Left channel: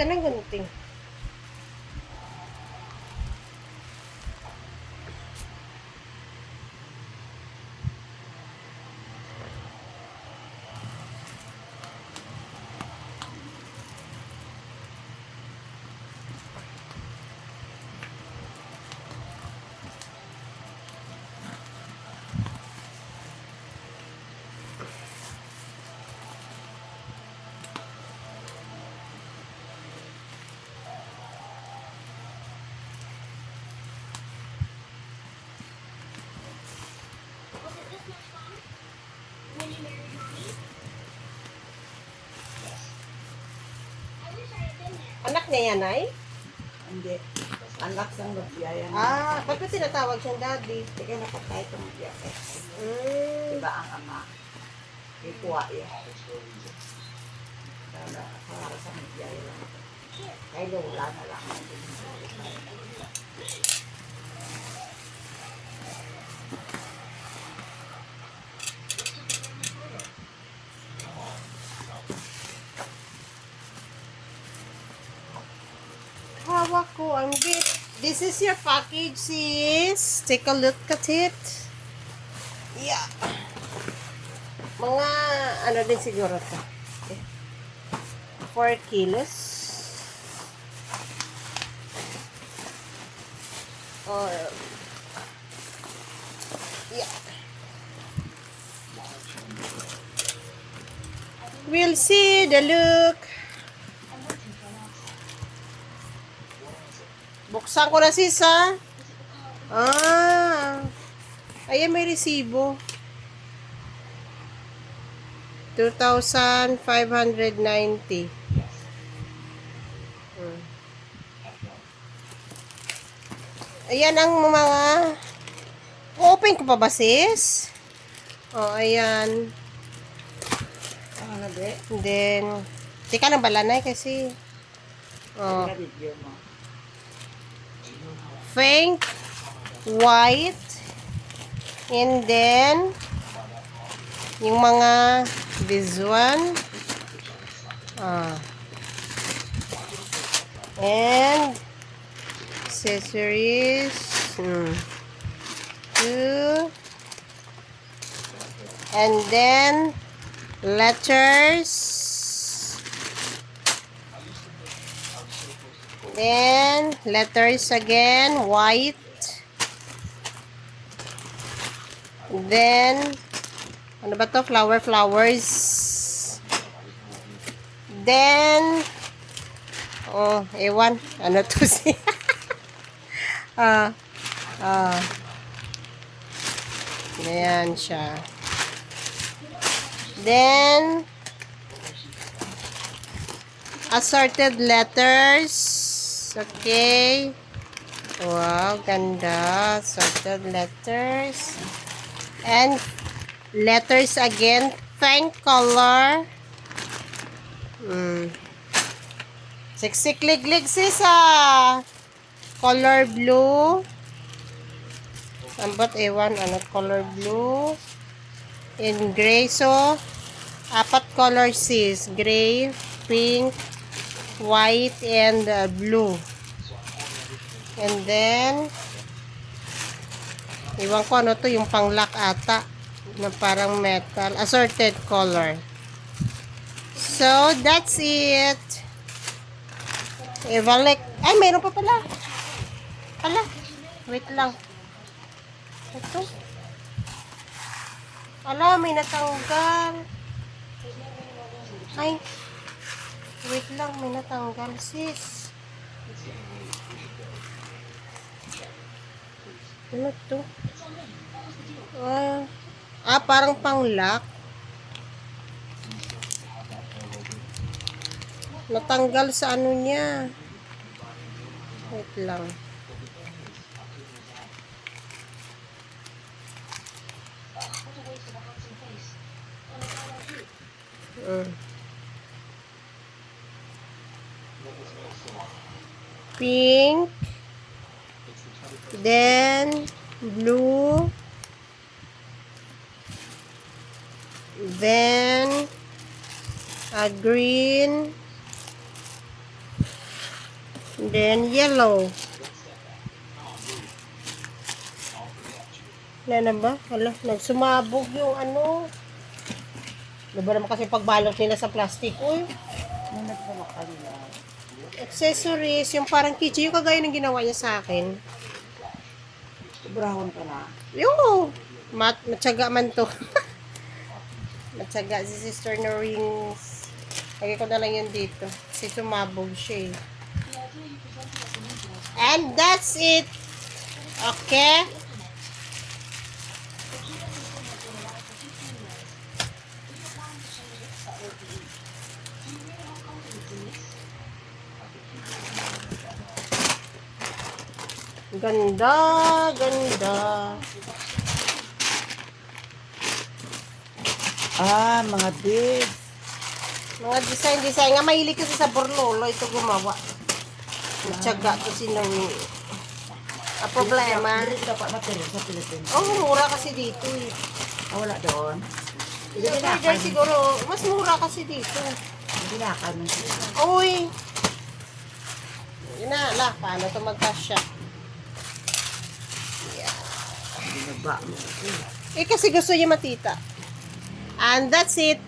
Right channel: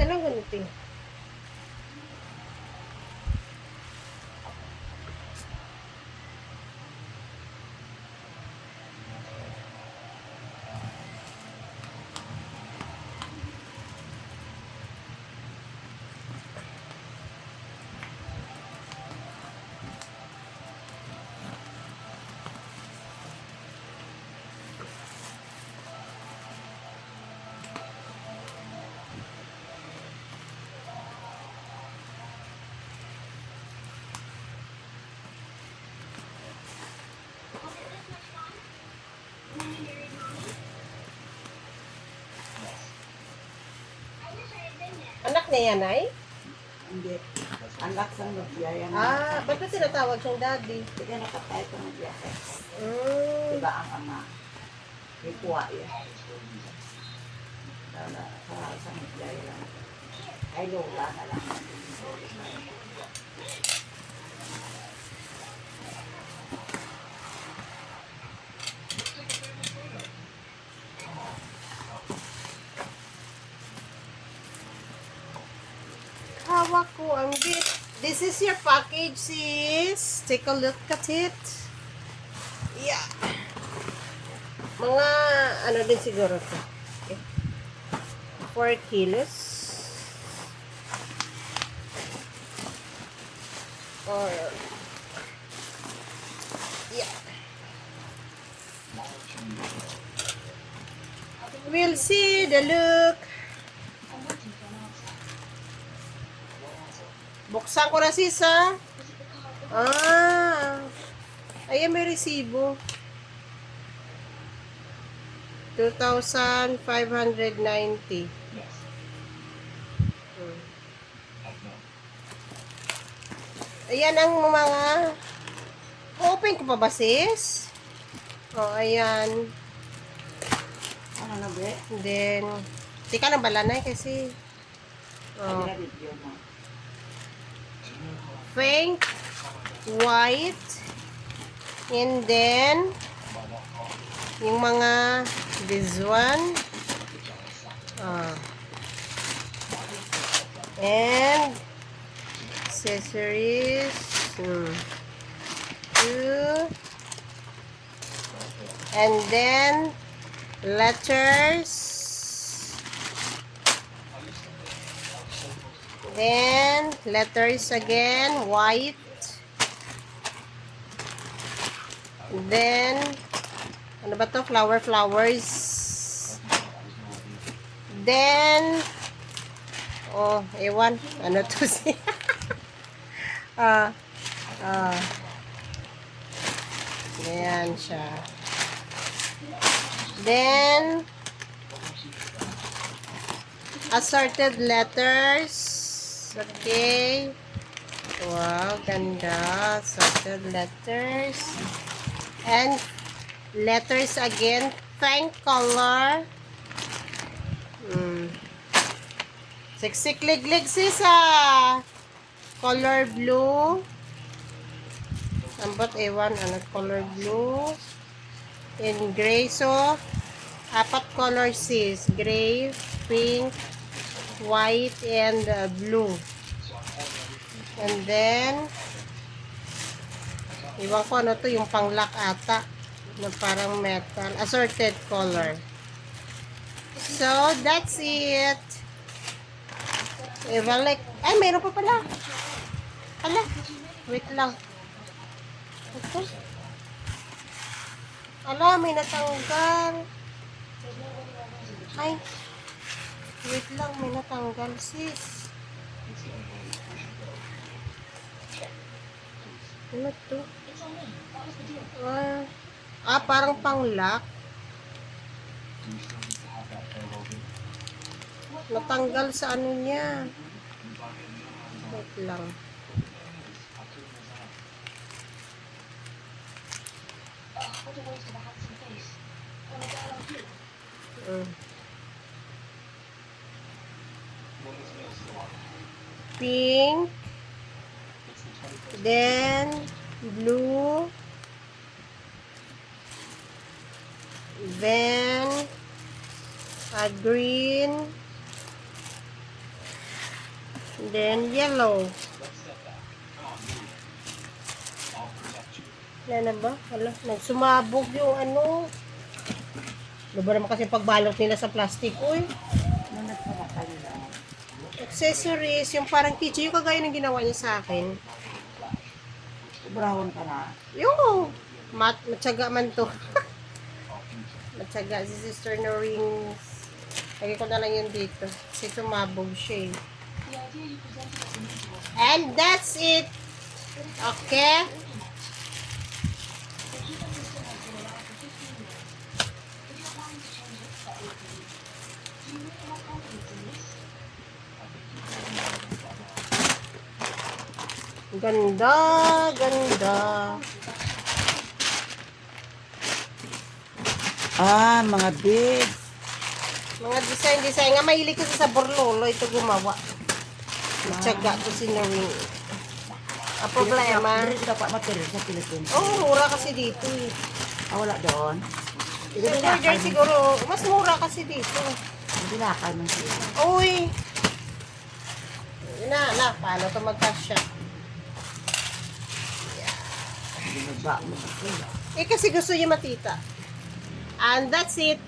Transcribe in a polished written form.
Saan ang gunting? Anak niya yan, ay? Hindi. Anak sang nagyaya na. Ba't ba tinatawag siyang daddy? Hindi ka nakatay itong nagyaya. Mm. Diba ang ama? Ikuha yan. Dala, para sa nagyaya lang. Ay, lola na lang. Hawak ko ang bit. This is your package, sis. Take a look at it. Yeah. Mga, ano din siguro to. Okay. 4 kilos. Or, yeah. We'll see the look. Buksan ko na, sis, ha? Ayan, may resibo. 2,590. Ayan ang mga... Open ko pa ba, sis? Ayan. Ano na, be? And then... Tika na balanay kasi... Ano na video mo? Pink, white, and then yung mga this one, and accessories, 2, and then letters, then letters again, white. Then, ano ba to? Flowers. Then, ewan. Ano to siya? Ayan siya. Then, assorted letters. Okay. Wow, ganda. Assorted letters. And letters again. Pink color. Siksik liglig sis color blue. Ano ba't ewan? Ano color blue? In gray. So, 4 color sis. Gray, pink, white, and blue. And then, iwan ko ano to, yung pang-lock ata. Na parang metal. Assorted color. So, that's it. Ibalik. Ay, mayroon pa pala. Wait lang. Ito. May natanggal. Ay. Wait lang, may natanggal, sis. Ano to? Parang pang-lock. Natanggal sa ano niya. Wait lang. Pink. Then, blue. Then, green. And then yellow. Wala na ba? Wala. Nagsumabog yung ano. Ano ba naman kasi pagbalot nila sa plastic? Uy. Nung nagsama kanila. Accessories. Yung parang kitchen. Yung kagaya ng ginawa niya sa akin. Sobrahon ka na. Yung matyaga man to. Matyaga si Sister na rings. Lagay ko na lang yun dito. Kasi sumabog siya eh. And that's it. Okay? Ganda, ganda. Ah, mga beads. Mga design. Nga mahilig kasi sa borlolo. Ito gumawa. Matyaga to si Noe. Ang problema. Dito dapat material sa Pilipinas. Oh, mura kasi dito eh. Ah, wala doon. Hindi Super na dyan siguro. Mas mura kasi dito. Hindi na man sila. Uy! Yun na. Paano ito magkasya? Binaba mo. Eh kasi gusto niya matita. And that's it.